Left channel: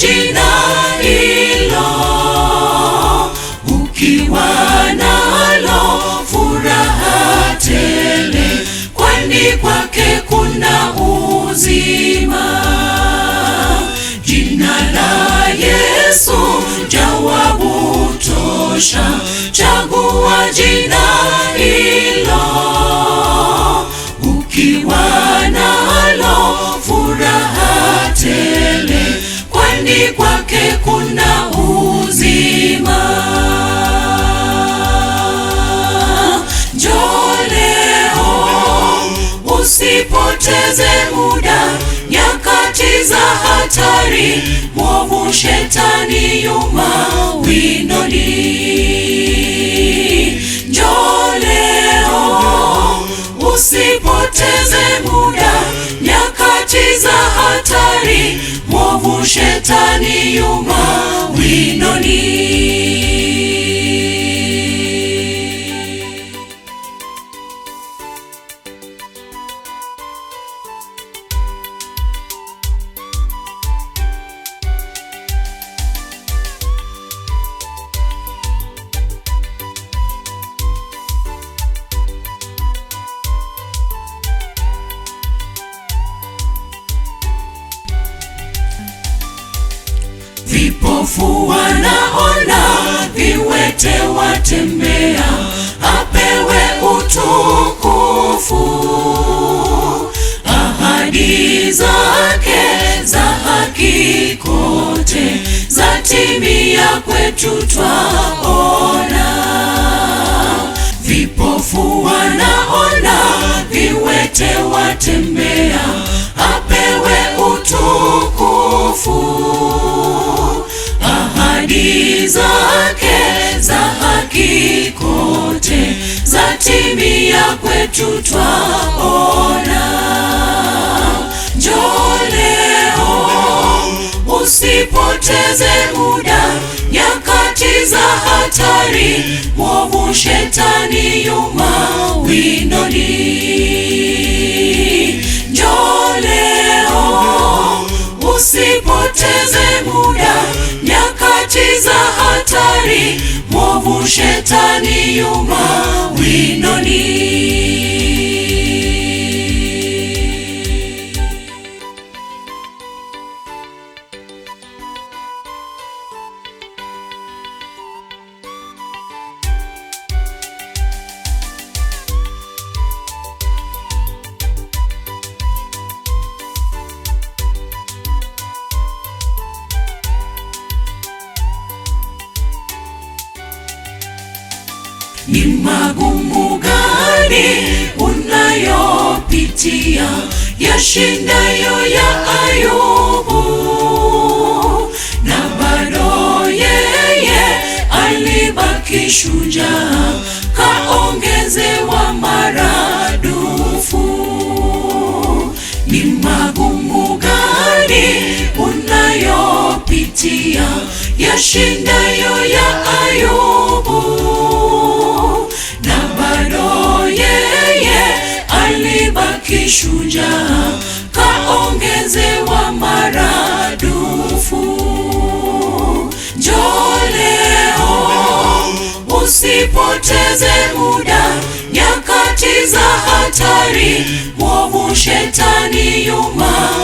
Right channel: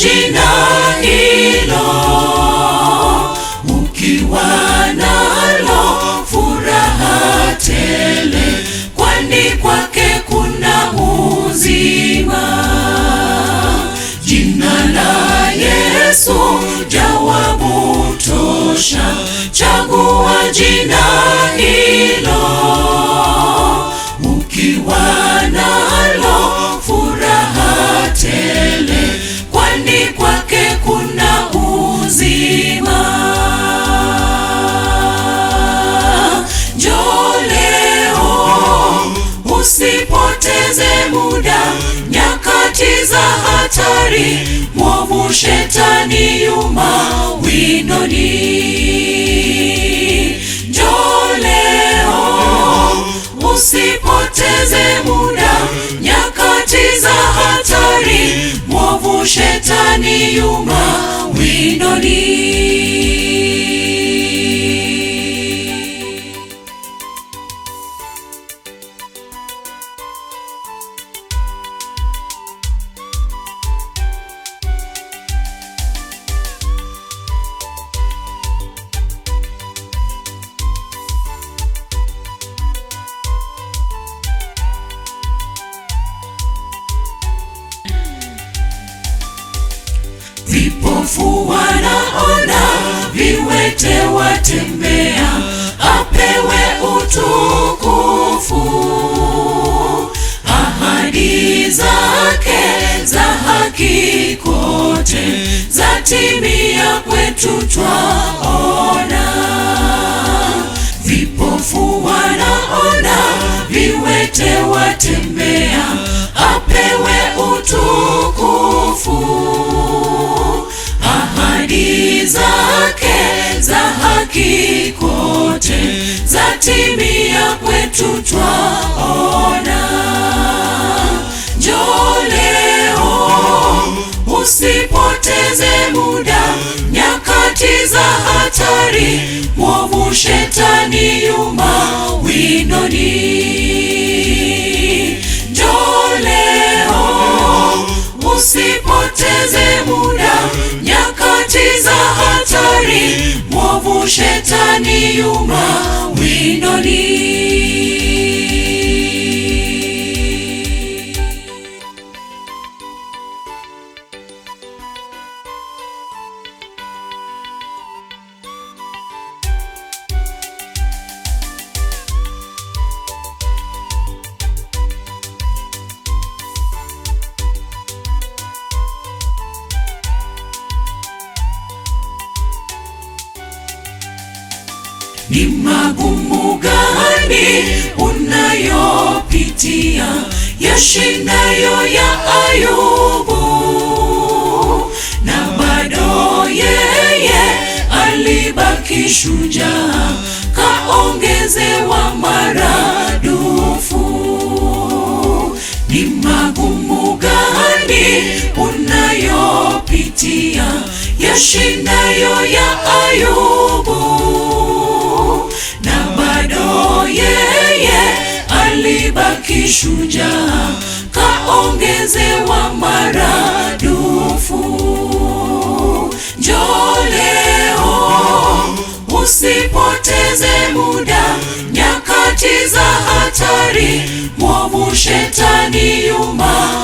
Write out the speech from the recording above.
jina hilo, ukiwa nalo furaha tele, kwani kwake kuna uzima. Jina la Yesu jawabu tosha, chagua jina hilo, ukiwa nalo furaha tele, kwani kwake kuna uzima. Njoo leo, usipoteze muda, nyakati za hatari, mwovu shetani yuma windoni. Njoo leo, usipoteze muda, nyakati za hatari, mwovu shetani yuma windoni. Vipofu wanaona, viwete watembea, apewe utukufu. Ahadi zake za haki kote, zatimia kwetu twaona. Vipofu wanaona, viwete watembea, apewe utukufu. Ahadi zake za haki kote, zatimia kwetu twaona. Njoo leo, usipoteze muda, nyakati za hatari, mwovu shetani yuma windoni. Njoo leo, usipoteze muda, nyakati za hatari, mwovu shetani yuma windoni. Ni magumu gani unayopitia, yashindayo ya Ayubu? Na bado yeye alibaki shujaa, kaongezewa maradufu. Ni magumu gani unayopitia, yashindayo ya Ayubu? Alibaki shujaa, kaongezewa maradufu. Njoo leo, usipoteze muda, nyakati za hatari, mwovu shetani yuma